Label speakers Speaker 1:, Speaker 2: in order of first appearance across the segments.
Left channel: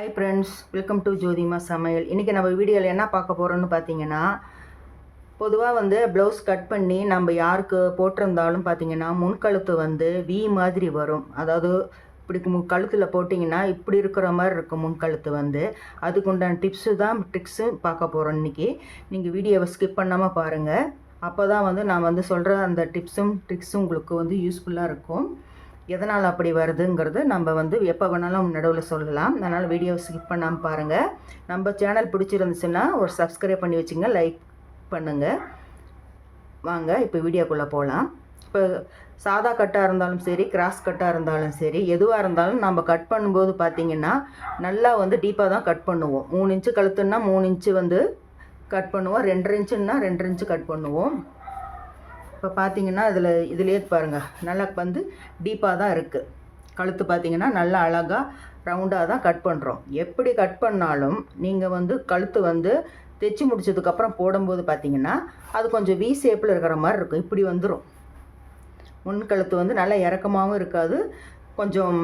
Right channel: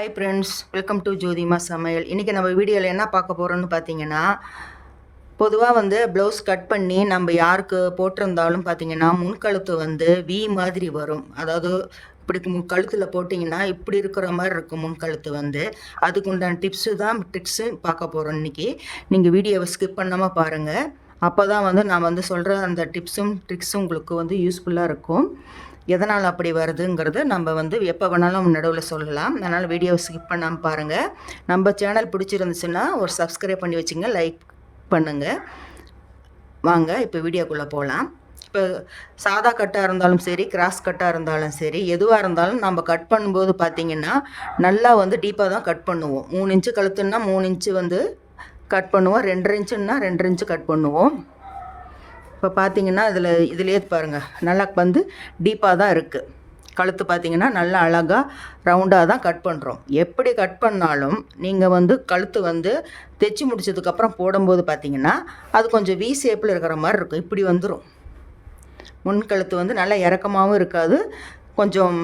Speaker 1: Hi friends welcome to Jothima சமையல் இன்றைக்கி நம்ம வீடியோவில் என்ன பார்க்க போகிறோம்னு பார்த்தீங்கன்னா பொதுவாக வந்து ப்ளவுஸ் கட் பண்ணி நம்ம யாருக்கு போட்டிருந்தாலும் பார்த்தீங்கன்னா முன்கழுத்து வந்து வி மாதிரி வரும். அதாவது இப்படி முன் கழுத்தில் போட்டிங்கன்னா இப்படி இருக்கிற மாதிரி இருக்கும் முன்கழுத்து வந்து. அதுக்கு உண்டான டிப்ஸு தான் ட்ரிக்ஸு பார்க்க போகிறோம் இன்றைக்கி நீங்கள் வீடியோவை ஸ்கிப் பண்ணாமல் பாருங்கள் அப்போ தான் வந்து நான் வந்து சொல்கிற அந்த டிப்ஸும் ட்ரிக்ஸும் உங்களுக்கு வந்து யூஸ்ஃபுல்லாக இருக்கும். எதனால் அப்படி வருதுங்கிறது நம்ம வந்து எப்போ வேணாலும் நடுவில் சொல்லலாம். அதனால் வீடியோவை ஸ்கிப் பண்ணாமல் பாருங்கள் நம்ம சேனல் பிடிச்சிருந்துச்சுன்னா ஒரு சப்ஸ்கிரைப் பண்ணி வச்சுங்க லைக் பண்ணுங்கள் வாங்க இப்போ வீடியோக்குள்ளே போகலாம். இப்போ சாதா கட்டாக இருந்தாலும் சரி கிராஸ் கட்டாக இருந்தாலும் சரி எதுவாக இருந்தாலும் நம்ம கட் பண்ணும்போது பார்த்தீங்கன்னா நல்லா வந்து டீப்பாக தான் கட் பண்ணுவோம். மூணு இன்ச்சு கழுத்துன்னா மூணு இன்ச்சு வந்து கட் பண்ணுவோம். ரெண்டரை இன்ச்சுன்னா ரெண்டரை இன்ச்சு கட் பண்ணுவோம். இப்போ பார்த்தீங்கன்னா இதில் இதுலேயே பாருங்கள் நல்லா வந்து டீப்பாக தான் இருக்குது கழுத்து பார்த்தீங்கன்னா நல்லா அழகாக ரவுண்டாக தான் கட் பண்ணுறோம் எப்படி கட் பண்ணாலும் நீங்கள் வந்து கழுத்து வந்து தைச்சி முடிச்சதுக்கப்புறம் போடும்போது பார்த்தீங்கன்னா அது கொஞ்சம் வி ஷேப்பில் இருக்கிற மாதிரி இருக்கும். இப்படி வந்துடும் முன் கழுத்து வந்து நல்லா இறக்கமாகவும் இருக்காது. கொஞ்சம்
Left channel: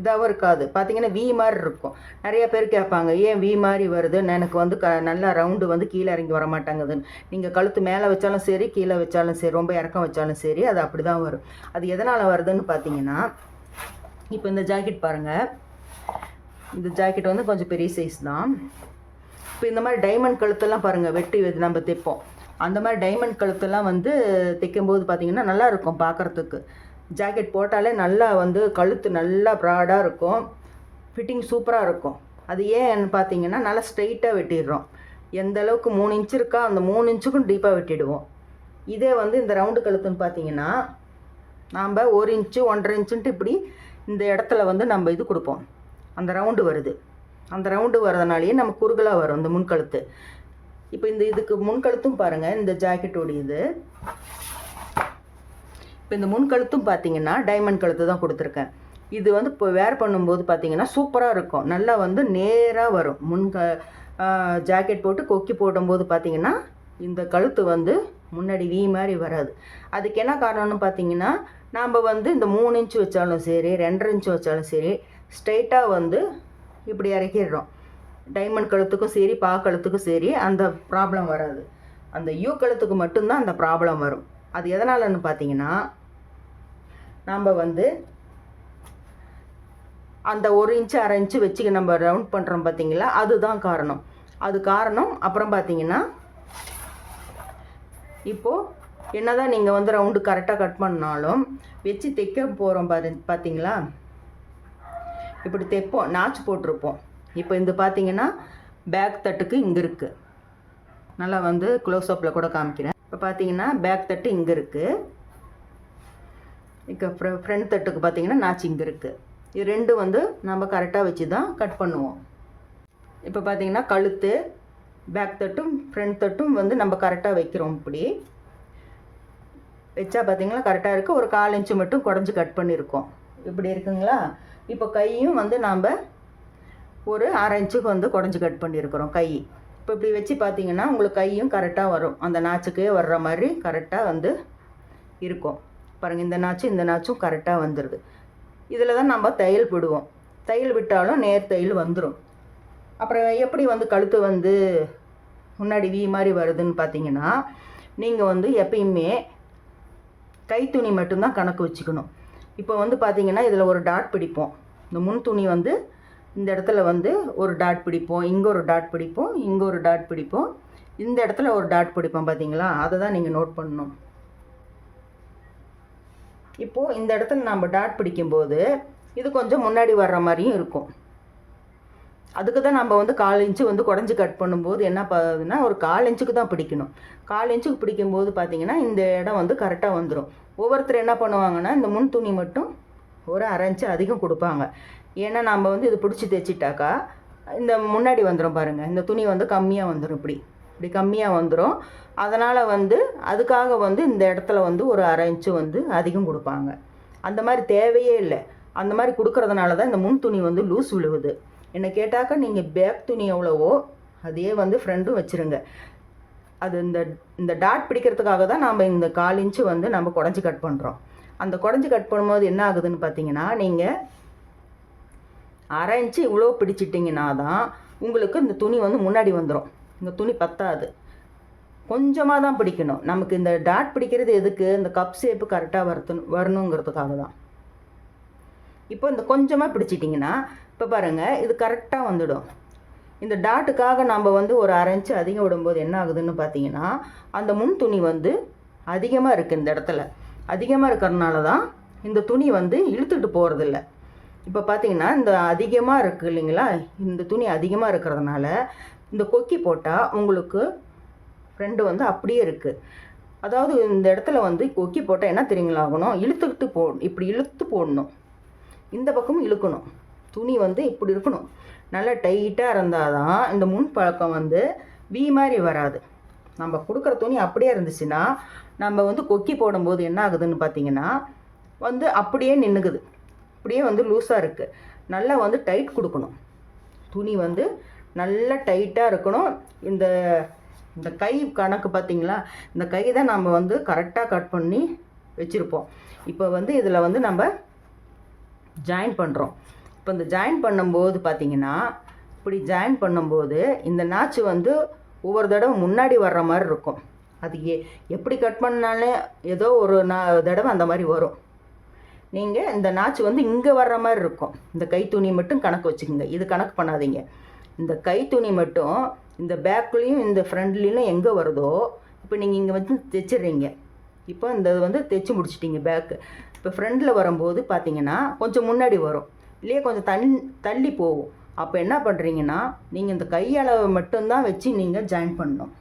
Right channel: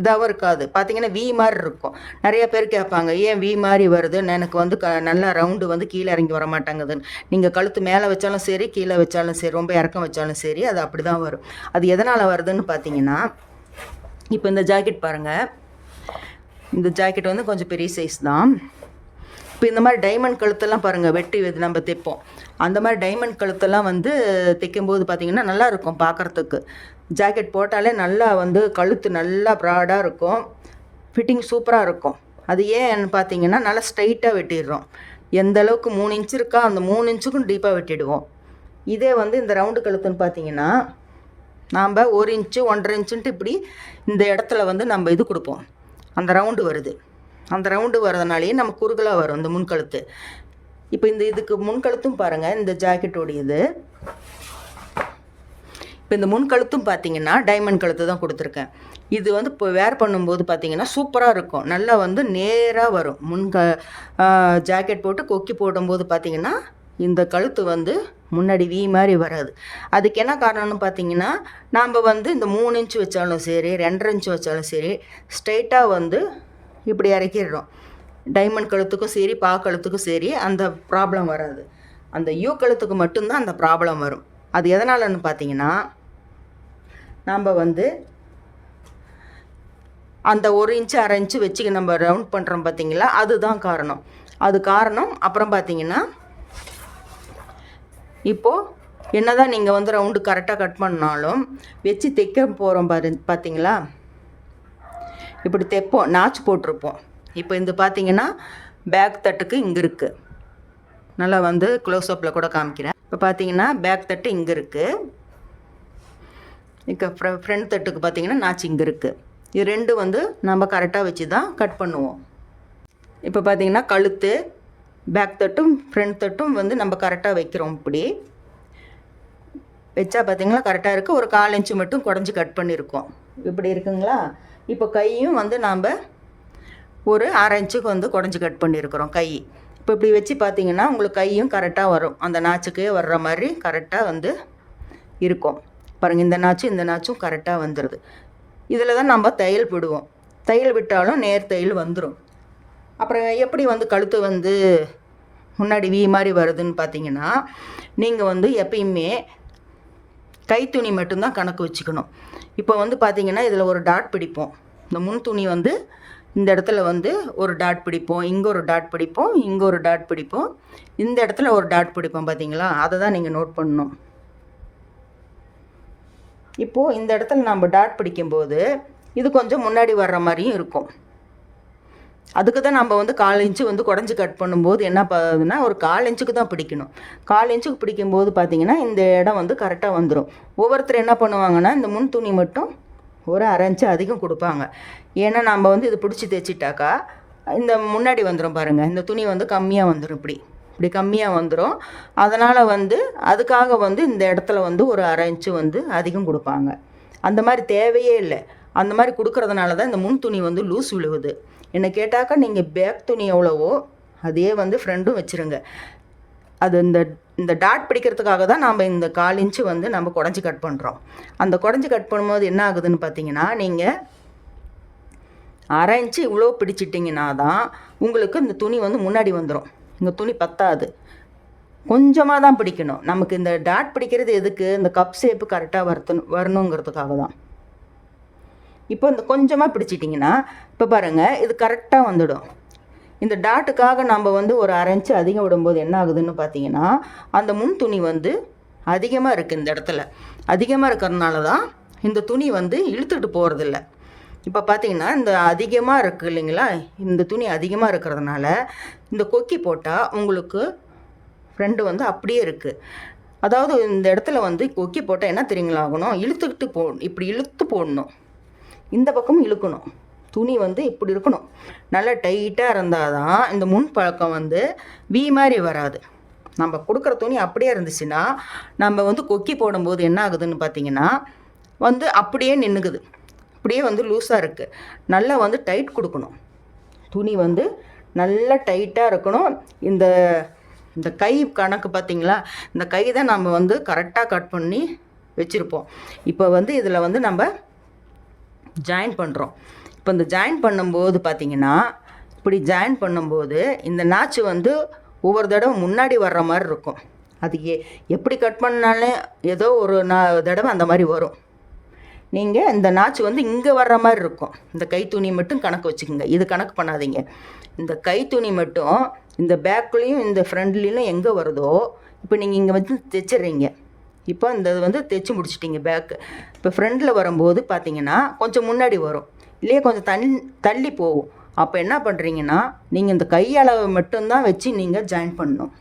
Speaker 1: இதாகவும் இருக்காது. பார்த்தீங்கன்னா வி மாதிரி இருக்கும். நிறைய பேர் கேட்பாங்க ஏன் வி மாதிரி வருது? எனக்கு வந்து க நல்லா ரவுண்டு வந்து கீழே இறங்கி வர மாட்டேங்குதுன்னு. நீங்கள் கழுத்து மேலே வச்சாலும் சரி கீழே வச்சாலும் சரி ரொம்ப இறக்கம் வச்சாலும் சரி அது அப்படி தான் வரும். அது எதனால் வருதுன்னு பார்த்தீங்கன்னா இப்போ இந்த ஜாக்கெட் பாருங்கள் இந்த ஜாக்கெட் வந்து கொஞ்சம் பெரிய சைஸ் தான். இப்போ இந்த மாதிரி டைமண்ட் கழுத்தெல்லாம் பாருங்கள் வெட்டி இது நம்ம தைப்போம். அந்த மாதிரி டைமண்ட் கழுத்தெல்லாம் வந்து தைக்கும்போது பார்த்தீங்கன்னா நல்லா இருக்கும் பார்க்குறதுக்கு ஜாக்கெட் போட்டாலே நல்லா வந்து கழுத்து நல்லா ப்ராடாக இருக்கும். ஃபிட்டிங் சூப்பராக இருக்கும். அது ஏன்னு பார்த்தீங்கன்னா நல்லா ஸ்ட்ரைட்டாக வெட்டிடுறோம். எந்த அளவுக்கு மூணு இன்ச் இருக்கா அந்த மூணு இன்ச்சுக்கும் டீப்பாக வெட்டிடுவோம். இதே வந்து இந்த ரவுண்டு கழுத்துன்னு பார்த்தீங்கன்னா நாம் ஒரு இன்ச்சு ஒன்றரை இன்ச்சுன்ட்டு இப்படி இந்த இடத்துல வந்து நம்ம இது கொடுப்போம். அந்த ரவுண்டு வருது. அந்த ரவுண்டு வரதுனாலேயே நம்ம குறுகலாக வரும் இந்த முன்கழுத்து இப்போ இந்த இதுக்கு முன்கழுத்தும் பாருங்கள் இந்த ஜாக்கெட்டோடைய இது. இப்போ இந்த முன்கழுத்தும் பார்த்தீங்கன்னா டைமண்ட் கழுத்து தான் கொடுத்துருக்கேன். இது வந்து இப்போ வேர் பண்ணும்போது பார்த்தீங்கன்னா சூப்பராக இருக்கும். நல்லா வந்து நேராக வரும். முன்க ஜாக்கெட் போட்டு கொக்கி போடும்போது பார்த்தீங்கன்னா இந்த கழுத்து வந்து முன்னாடி வீ மாதிரி வராது. அதுக்கு என்ன காரணம்னு பார்த்தீங்கன்னா நாம் வந்து இந்த மூணு இன்ச்சு வச்சாலும் சரி ரெண்டரை இன்ச்சு வச்சாலும் சரி ஸ்ட்ரைட்டாக வந்து இப்படி இறக்கிடுறோம். டைமண்ட் கழுத்துக்கும் சரி பா கழுத்துக்கும் சரி அந்த ப்ராப்ளம் வராது. அந்த யூ கழுத்துக்கு மட்டும்தான் அந்த ப்ராப்ளம் வரும். அது எதனாலன்னு பார்த்தீங்கன்னா நம்ம வந்து அந்த ஒரு இன்ச்சு அரை இன்ச்சு வச்சு நம்ம ரவுண்ட் பண்ணுறோம் பார்த்தீங்களா அதுதான் காரணம். அது காரணம். அப்புறம் பார்த்தீங்கன்னா இப்போது என்ன தான் நீங்கள் வந்து ரவுண்டு கரெக்டாக கட் பண்ணாலும் வச்சு தைக்க போகிறோம் பாரு பார்த்தீங்களா இப்படி தைப்போம். நாச்சு போட்டிருப்போம். இப்போ இந்த பார்த்தீங்கன்னா பேக் தட்டுக்கு இங்கே இருக்குது நல்லா வந்து க்ளோஸ்அப்பில் கூட காமிக்கிறேன். இப்போ பார்த்தீங்கன்னா பேக் தட்டு இங்கே இருக்குது இப்போ ஃப்ர ஃப்ரண்ட் தட்டுக்கு பார்த்தீங்கன்னா நாச்சு இங்கே இருக்குது இது ரெண்டு வந்து நம்ம கரெக்டாக வச்சு தான் கட் பண்ணுவோம். இப்போ பார்த்தீங்கன்னா கழுத்து பேக் தட்டும் ஃப்ரண்ட் தட்டும் வந்து நம்ம கரெக்டாக வைக்கிறோம் இப்படி. வச்சா பார்த்தீங்களா கரெக்டாக இருக்குது ஒரு கால் இன்ச்சு மட்டும் குடஞ்சி கட் பண்ணியிருக்கோம் இப்படி இருக்குங்களா? இப்போ கையும் வந்து நாம் ஒரு அரை இன்ச்சுக்கு வந்து குடஞ்சி கட் பண்ணியிருக்கிறோம் கை. இப்போ இப்படி வச்சு பார்த்தீங்கன்னா உங்களுக்கு கையும் கரெக்டாக வரும். அந்த நாச்சுக்கே வர்ற மாதிரி கரெக்டாக வந்து இருக்கும். பாருங்கள் இந்த நாச்சும் இந்த நாச்சும் கரெக்டாக வந்துடுது இதில் தான் நம்ம தையல் விடுவோம். தையல் விட்டாலும் நேர் தையல் வந்துடும் அப்புறம் எப்படி வந்து கழுத்து வந்து முன்னாடி வீ மாதிரி வருதுன்னு பார்த்தீங்கன்னா நீங்கள் வந்து எப்பயுமே கைத்துணி மட்டும்தான் கணக்கு வச்சுக்கணும். இப்போ வந்து பார்த்தீங்கன்னா இதில் ஒரு டாட் பிடிப்போம். இந்த முன் துணி வந்து இந்த இடத்துல வந்து ஒரு டாட் பிடிப்போம் இங்கே ஒரு டாட் பிடிப்போம் இங்கே ஒரு டாட் பிடிப்போம். இந்த இடத்துல ஒரு டாட் பிடிப்போம் பார்த்தீங்களா அதை தான் நீங்கள் நோட் பண்ணணும். இப்போது இந்த இடத்துல நம்ம டாட் பிடிக்கும்போது இது கொஞ்சம் முன்னாடி வர்ற மாதிரியும் இருக்கும். அதுக்கு தான் நம்ம வந்து கால் இன்ச்சு வந்து குடஞ்சி கட் பண்ணும்போது என்ன பண்ணுதுன்னா ஒரு கால் இன்ச்சுக்கு தான் பிடிக்கணும். கால் இன்ச்சுக்கு பிடிக்கும்போது பார்த்தீங்கன்னா இந்த இடம் வந்து கரெக்டாக வந்துடும் ஒவ்வொருத்தர் என்ன பண்ணுவாங்கன்னா இந்த முன் துணி மட்டும் ஒரு அரைஞ்சு அதிகம் கொடுப்பாங்க. ஏன்னா நம்ம வந்து இது பிடிச்சி தைச்சிட்டாக்கா இந்த முன்னாடி வந்துடும் பாருங்கள் இந்த துணி வந்து கம்மியாக வந்துடும் இப்படி. இப்படி கம்மியாக வந்துடும் அதனால் வந்து அதுக்காக வந்து இந்த இடத்துல வந்து ஒரு அரை இன்ச்சு வந்து அதிகம் கொடுப்பாங்க. அந்த மாதிரி தேவையே இல்லை. அந்த மாதிரி கொடுக்கறதுனால தான் இந்த முன் துணி வந்து லூஸ் விழுவுது. என்னை கேட்டாக்கா நீங்கள் பேக் துணி எவ்வளவோ அதே வந்து ஃப்ரெண்டும் வச்சுருங்க. அது இந்த இந்த டாட் பிடிக்கிறதுக்காக தான் நம்ம இந்த கால் இன்ச்சு வந்து நம்ம குடஞ்சி கட் பண்ணுறோம் அந்த குடஞ்சி கட் பண்ணும்போது என்ன ஆகுதுன்னு பார்த்தீங்கன்னா நீங்கள் அரை இன்ச்சு இவ்வளோ பிடிச்சிட்டிங்கன்னா தான் உங்களுக்கு இந்த துணி வந்து முன்னாடி வந்துடும் இந்த துணி பத்தாது. கொஞ்சமாக தான் பிடிக்கணும். நமக்கு இந்த டாட் பிடிக்கிறது எதுக்கு? இந்த கப் ஷேப்பு கரெக்டாக வரத்து வரணுங்கிறதுக்காக தான். இப்போ இந்த கொஞ்சமாக பிடிச்சிட்டிங்கன்னா இப்போ பாருங்கள் இது கரெக்டாக வந்துடும். இந்த டாட்டுக்காக நம்ம வந்து ஒரு அரை அதிகம் விடும்போது என்ன ஆகுதுன்னு பார்த்தீங்கன்னா அந்த முன் துணி வந்து அதிகமாக இருக்குது இந்த இடத்துல. அதிகமாக இருக்கிறதுனால தான் இந்த துணி வந்து இழுத்துட்டு போகிறதில்ல இப்போ பார்த்தீங்கன்னா இந்த அதிகமாக இருக்குது இல்லைங்களா? இந்த துணி அதிகமாக இருக்கிறதுனால இந்த கொக்கி போட்டால் உங்களுக்கு ஃப்ரெண்டு வந்து அப்படியே இருக்குது அதாவது இந்த இடத்துல வந்து கொக்கி போட்டால் என்ன தெரியுங்களா ஆகணும்? இழுத்துக்கிட்டு போ இப்படி இழுத்து போடணும். இந்த பக்கம் இழுக்கணும். துணி வந்து இப்படி இருக்கணும். நல்லா டைட்டாக இருந்தால் தான் இந்த முன் பழக்கம் வந்து வி மாதிரி வராது. நம்ம கொடுக்குற துணி அப்படியே இருந்துச்சுன்னா நம்ம வந்து கொக்கி போடும்போது என்ன ஆகுதுன்னு பார்த்தீங்கன்னா வந்து அப்படியே நின்றுக்குது அப்படியே வந்து லூஸாக இருக்குது நல்லா வந்து டைட் கொடுக்கணும். துணி வந்து நல்லா டைட்டாக இருக்கணும். இந்த இந்த கை கணக்கு பார்த்திங்களா? இந்த கை தான் நம்ம வந்து கரெக்டாக கட் பண்ணி வச்சுருப்போம். இப்போ வந்து இதில் வந்து நம்ம ஜாயின் பண்ணுறோம் இப்போ இந்த ஜாயின் பண்ணும்போது பார்த்தீங்கன்னா இப்படி ஜாயின் பண்ணும்போது இந்த நாச்சு வந்து ஒவ்வொரு தடவை முன்னாடி வர்ற மாதிரி இருக்கும். அது எ எப்படி கட் பண்ணாலும் ஏதோ ஒரு நா தடவை அந்த மாதிரி வரும். நீங்கள் இந்த நாச்சு வந்து இங்கே வர்ற மாதிரி இருக்கும். இந்த கைத்துணி மட்டும் கணக்கு வச்சுக்கோங்க. இது கணக்கு பண்ணாதீங்க. இந்த கைத்துணி மட்டும் இந்த பேக்லேயும் இந்த ஃப்ரண்ட்லேயும் எங்கே வருதோ இப்போ நீங்கள் இங்கே வந்து தைச்சிடுறீங்க. இப்போ இந்த இது வந்து தைச்சி முடிச்சிட்டிங்க பேக்கு இப்போ ஃப்ரண்டில் வரும்போது பார்த்தீங்கன்னா கொஞ்சம் முன்னாடி வரும். இல்லையே கொஞ்சம் தள்ளி தள்ளி போகும். அப்போ என்ன பண்ணுறீங்கன்னா நீங்கள் இந்த கையளவை மட்டும்தான் வச்சு நீங்கள் ஜாயின் பண்ணணும்.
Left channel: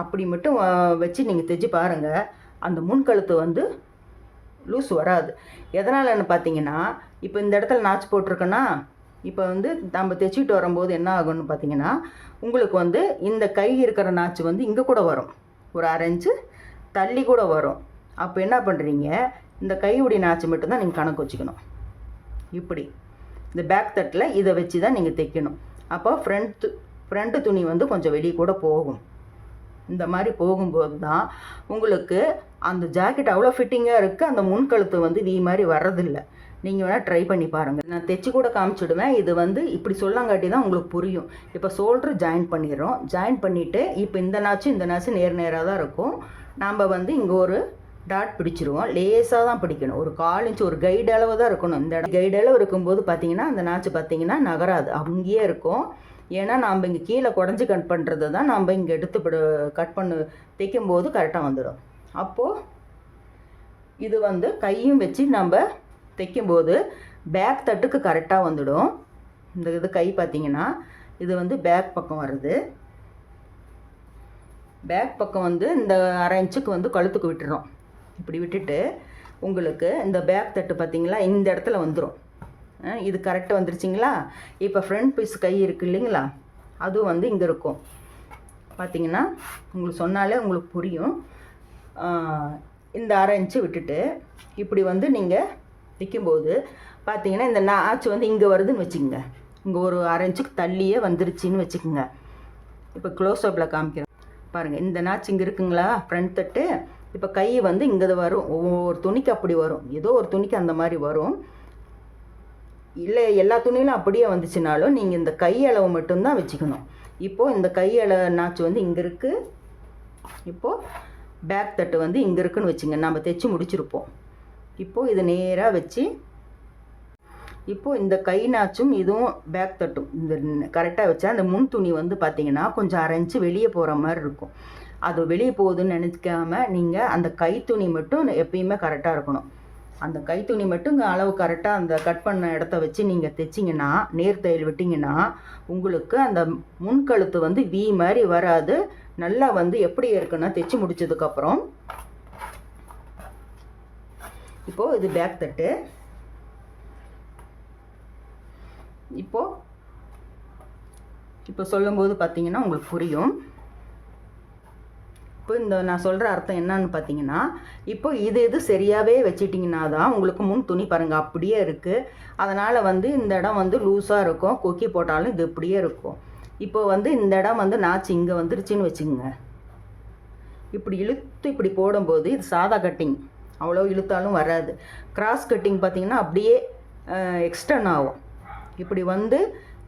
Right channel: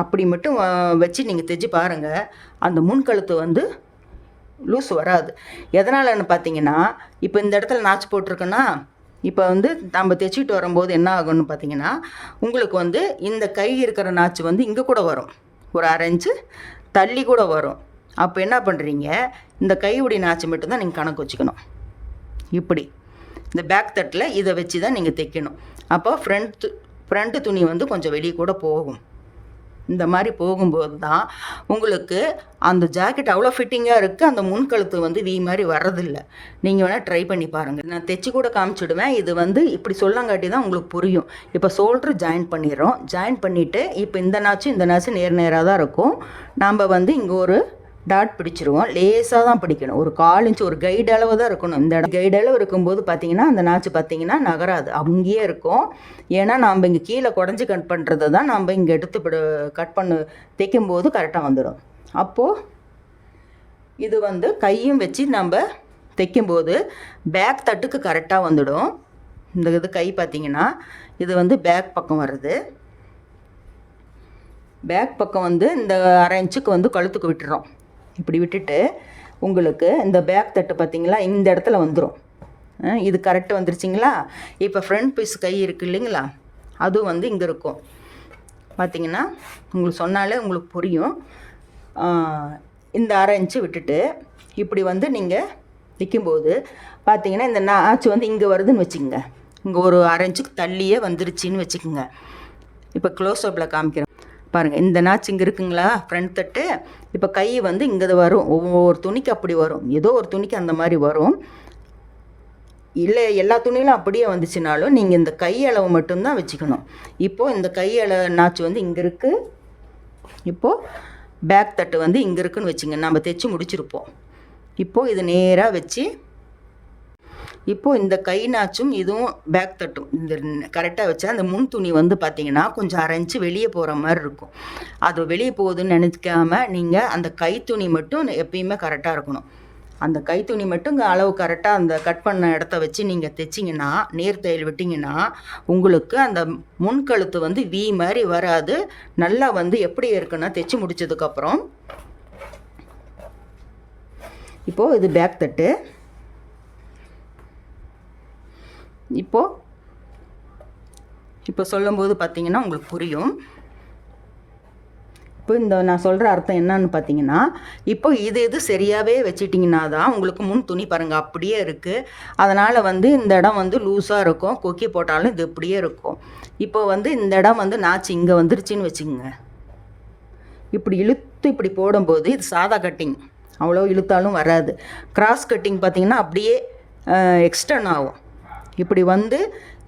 Speaker 1: அப்படி மட்டும் வச்சு நீங்கள் தைச்சி பாருங்கள் அந்த முன்கழுத்து வந்து லூஸ் வராது. எதனாலன்னு பார்த்தீங்கன்னா இப்போ இந்த இடத்துல நாச்சு போட்டிருக்கேன்னா இப்போ வந்து நம்ம தைச்சிட்டு வரும்போது என்ன ஆகும்னு பார்த்தீங்கன்னா உங்களுக்கு வந்து இந்த கை இருக்கிற நாச்சு வந்து இங்கே கூட வரும். ஒரு அரை இன்ச்சு தள்ளி கூட வரும். அப்போ என்ன பண்ணுறீங்க இந்த கையுடைய நாச்சு மட்டும்தான் நீங்கள் கணக்கு வச்சுக்கணும். இப்படி. இந்த பேக் தட்டில் இதை வச்சு தான் நீங்கள் தைக்கணும். அப்போ ஃப்ரண்ட் ஃப்ரண்ட்டு துணி வந்து கொஞ்சம் வெளியே கூட போகும். இந்த மாதிரி போகும்போது தான் உங்களுக்கு அந்த ஜாக்கெட் அவ்வளோ ஃபிட்டிங்காக இருக்குது அந்த முன்கழுத்து வந்து வி மாதிரி வர்றதில்லை. நீங்கள் வேணால் ட்ரை பண்ணி பாருங்கள் நான் தைச்சி கூட காமிச்சிடுவேன். இது வந்து இப்படி சொல்லங்காட்டி தான் உங்களுக்கு புரியும். இப்போ ஷோல்ட்ரு ஜாயின் பண்ணிடுறோம். ஜாயின் பண்ணிவிட்டு இப்போ இந்த நாச்சும் இந்த நாச்சும் நேர் நேராக தான் இருக்கும். நாம் வந்து இங்கே ஒரு டாட் பிடிச்சிருவோம். லேசாக தான் பிடிக்கணும். ஒரு கால் இன்ச்சு ஒரு கைடு அளவு தான் இருக்கணும். இந்த இடம் கைடு அளவு இருக்கும்போது பார்த்தீங்கன்னா அந்த நாச்சு பார்த்தீங்கன்னா நகராது. அங்கேயே இருக்கும். ஏன்னா நாம் இங்கே கீழே குடஞ்சி கட் பண்ணுறதை தான் நம்ம இங்கே எடுத்து பிட- கட் பண்ணு தைக்கும் போது கரெக்டாக வந்துடும். அப்போது இது வந்து கையும் வச்சு நம்ம தைக்கும்போது பேக் தட்டுக்கு கரெக்டாக வந்துடும். இந்த இது கை பார்த்தீங்கன்னா இது வந்து பேக் பக்கம் வருது பேக் பக்கம் வந்து இந்த அரை இன்ச்சுக்கு வந்து கழுத்துக்கு விட்டுறோம். இப்படி விட்டுட்டு உங்களுக்கு இந்த பேக் தட்டு பார்த்தீங்களா? இந்த இடத்துல வந்துடும் இது கரெக்டாக வந்துருச்சிங்களா? இப்போ ஃப்ரண்ட் பீஸ் கை இருக்குது இல்லைங்களா? அதுவும் வந்து இங்கே இருக்கும். பார்த்தீங்கன்னா உங்களுக்கு சொன்னாலே உங்களுக்கு புரியும். இந்த அரை இன்ச்சு விட்டுட்டு இப்படி வந்து நீங்கள் நிற்கும்போது பார்த்தீங்கன்னா இந்த நாச்சு வந்து இங்கே வருதுன்னு வச்சுக்கோங்க. இங்கே ஒரு அரை இன்ச்சுக்கு தள்ளியே வந்துருச்சின்னு வச்சுக்கோங்க. இப்போ க்ளோஸ் அப்பில் காமிக்கிறேன். பாருங்கள் இந்த நாச்சு இங்கே இருக்குங்களா? ஃப்ரண்ட் தட்டு. இப்போ கை வந்து இங்கே வரும். ஒவ்வொரு துணிக்கு அப்படி வரும். ஏதோ ஒரு துணிக்கு அந்த மாதிரி வரும். இல்லை எல்லா துணியிலும் அப்படியே வந்துச்சுனாலும் நீங்கள் இந்த கையளவு மட்டும்தான் வச்சுக்கணும். இப்போது இந்த கை நாச்சு வந்து இங்கே இருக்குது இப்போது பேக் தட்டு வந்து இங்கே இருக்குன்னு வச்சுங்க. நம்ம தைச்சி முடிச்சிருப்போம். இப்போது இது நேராக வச்சு இப்போது இந்த கை நாச்சும் இதுவும் பேக் தட்டும். இந்த கரெக்டாக வச்சா அந்த முன் துணி வந்து பார்த்தீங்கன்னா கொஞ்சம் அரைஞ்சு வெளியே போகிற மாதிரி இருக்கும். அது வெளியே போகுதுன்னு நினைக்காம நீங்கள் அந்த கை துணி மட்டும் எப்பயுமே கரெக்டாக இருக்கணும். அந்த கைத்துணி மட்டும் இங்கே அளவு கரெக்டாக அந்த கட் பண்ண இடத்த வச்சு நீங்கள் தைச்சிங்கன்னா நேர் தையல் விட்டிங்கன்னா உங்களுக்கு அந்த முன்கழுத்து வந்து வி மாதிரி வராது. நல்லா வந்து எப்படி இருக்குன்னா தைச்சி முடிச்சதுக்கப்புறம் இப்போது இது பேக் தட்டு. இப்போது இப்போ சொல்லும்போது பார்த்திங்கன்னா உங்களுக்கு புரியும். இப்போ இந்த நான் சொல்கிற அர்த்தம் என்னன்னு பார்த்தீங்கன்னா இப்போ இது இது சரியாகவே வச்சிட்டிங்கன்னா தான் உங்களுக்கு முன் துணி பாருங்கள் அப்படியே இருக்குது அதனால் வந்து இந்த இடம் வந்து லூஸாக இருக்கும். கொக்கி போட்டாலும் இது இப்படியே இருக்கும். இப்போ வந்து இந்த இடம் வந்து நாச்சு இங்கே வந்துருச்சுன்னு வச்சுக்கோங்க. இப்படி இழுத்து இப்படி போடும்போது இது சாதா கட்டிங். அவ்வளோ இழுத்தாலும் வராது. கிராஸ் கட்டிங் பார்த்திங்கன்னா அப்படியே எக்ஸ்டர்ன் ஆகும். இப்படி வந்து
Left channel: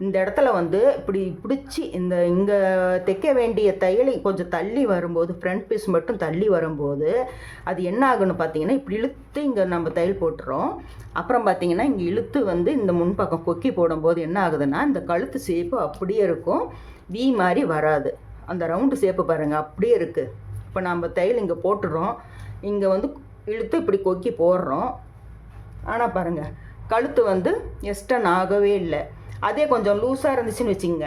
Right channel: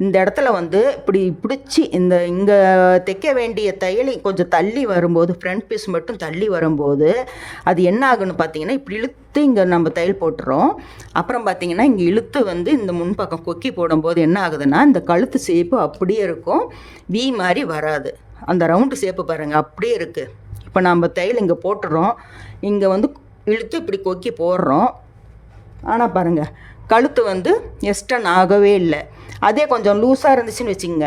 Speaker 1: இந்த இடத்துல வந்து இப்படி பிடிச்சி இந்த இங்கே தைக்க வேண்டிய தையல் கொஞ்சம் தள்ளி வரும்போது ஃப்ரண்ட் பீஸ் மட்டும் தள்ளி வரும்போது அது என்ன ஆகுன்னு பார்த்தீங்கன்னா இப்படி இழுத்து இங்கே நம்ம தையல் போட்டுறோம். அப்புறம் பார்த்தீங்கன்னா இங்கே இழுத்து வந்து இந்த முன்பக்கம் கொக்கி போடும்போது என்ன ஆகுதுன்னா இந்த கழுத்து ஷேப்பு அப்படியே இருக்கும். வி மாதிரி வராது. அந்த ரவுண்டு ஷேப்பு பாருங்கள் அப்படியே இருக்குது இப்போ நம்ம தையல் இங்கே போட்டுறோம். இங்கே வந்து இழுத்து இப்படி கொக்கி போடுறோம். ஆனால் பாருங்கள் கழுத்து வந்து எஸ்டன் ஆகவே இல்லை. அதே கொஞ்சம் லூஸாக இருந்துச்சுன்னு வச்சுங்க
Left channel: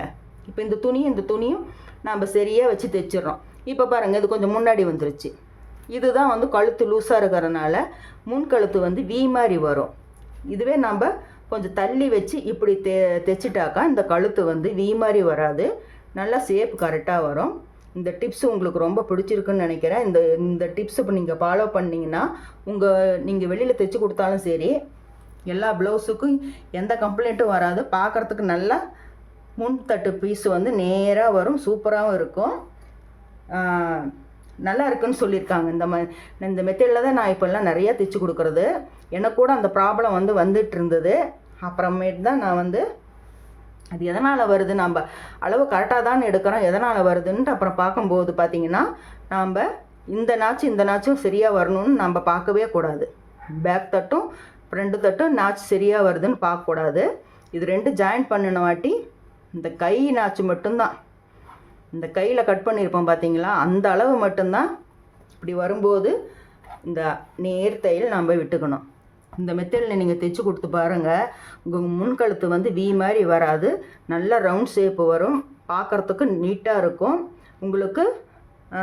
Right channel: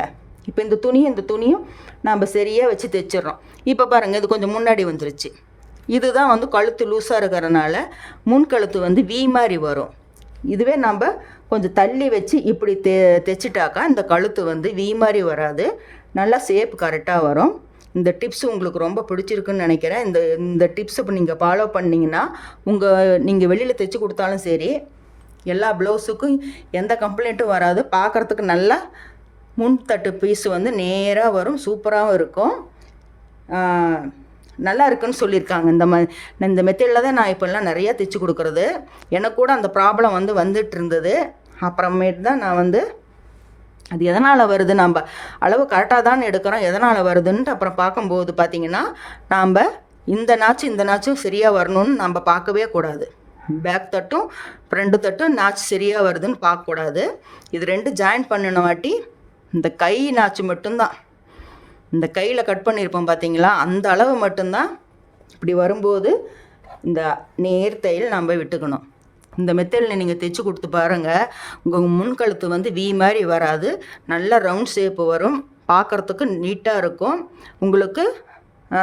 Speaker 1: இப்போ இந்த துணியும் இந்த துணியும் நம்ம சரியாக வச்சு தைச்சிடுறோம். இப்போ பாருங்கள் இது கொஞ்சம் முன்னாடி வந்துருச்சு. இதுதான் வந்து கழுத்து லூஸாக இருக்கிறனால முன் கழுத்து வந்து வி மாதிரி வரும். இதுவே நம்ம கொஞ்சம் தள்ளி வச்சு இப்படி தெ தைச்சிட்டாக்கா இந்த கழுத்து வந்து வி மாதிரி வராது. நல்லா சேப் கரெக்டாக வரும். இந்த டிப்ஸ் உங்களுக்கு ரொம்ப பிடிச்சிருக்குன்னு நினைக்கிறேன். இந்த இந்த டிப்ஸ் இப்போ நீங்கள் ஃபாலோ பண்ணிங்கன்னா உங்கள் நீங்கள் வெளியில் தைச்சி கொடுத்தாலும் சரி எல்லா ப்ளவுஸுக்கும் எந்த கம்ப்ளைண்ட்டும் வராது. பார்க்குறதுக்கு நல்லா முன்தட்டு பீஸ் வந்து நேராக வரும் சூப்பராகவும் இருக்கும். நல்லா இருக்குன்னு சொல்லியிருக்காங்க. இந்த ம இந்த மெத்தடில் தான் நான் இப்போல்லாம் நிறைய தைச்சி கொடுக்குறது. எனக்கு கூட அந்த ப்ராப்ளம் வந்து வந்துட்டு இருந்தது. அப்புறமேட்டு தான் நான் வந்து அது எதனால் வருது நம்ம அளவு கரெக்டாக தான் எடுக்கிறோம் எதனால் வருதுன்ட்டு அப்புறம் பார்க்கும்போது பார்த்திங்கன்னா நாம் இந்த நாச்சும் இந்த நாச்சும் சரியாக வரணும்னு நம்ம பார்க்கவே கூடாது. பேக் தட்டும் ஃப்ரண்ட் தட்டும் நாச்சு சரியாக வருதுன்னு பார்க்கக்கூடாது. இது ரெண்டு ஜாயின் பண்ணின வாட்டி இந்த கை நாச்சு மட்டும்தான். இந்த கையில் கட் பண்ணியிருப்போம் பார்த்தீங்களா? அந்த அளவு மட்டும்தான் இப்படி வரும்போது இந்த நேர் தையல் நம்ம விட்டுக்கணும். இந்த மெத்தடில் நீங்கள் தைச்சி கொடுத்து பாருங்கள் உங்கள் முன்கழுத்து வந்து வி மாதிரி வராது. நல்ல ரவுண்ட் ஷேப்பு வரும். பார்க்குறதுக்கு நீட்டாக இருக்கும். உங்களுக்கு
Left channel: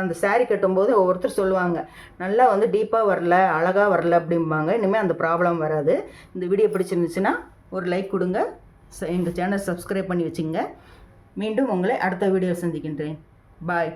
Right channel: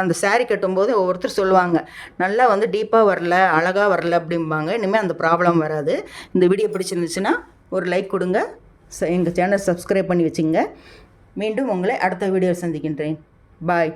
Speaker 1: அந்த சாரீ கட்டும்போது ஒவ்வொருத்தர் சொல்லுவாங்க. நல்லா வந்து டீப்பாக வரல அழகாக வரல அப்படிம்பாங்க. இனிமேல் அந்த ப்ராப்ளம் வராது. இந்த வீடியோ பிடிச்சிருந்துச்சுன்னா ஒரு லைக் கொடுங்க. எங்கள் சேனல் சப்ஸ்கிரைப் பண்ணி வச்சுங்க. மீண்டும் உங்களை அடுத்த வீடியோ சந்திக்கின்றேன். பாய்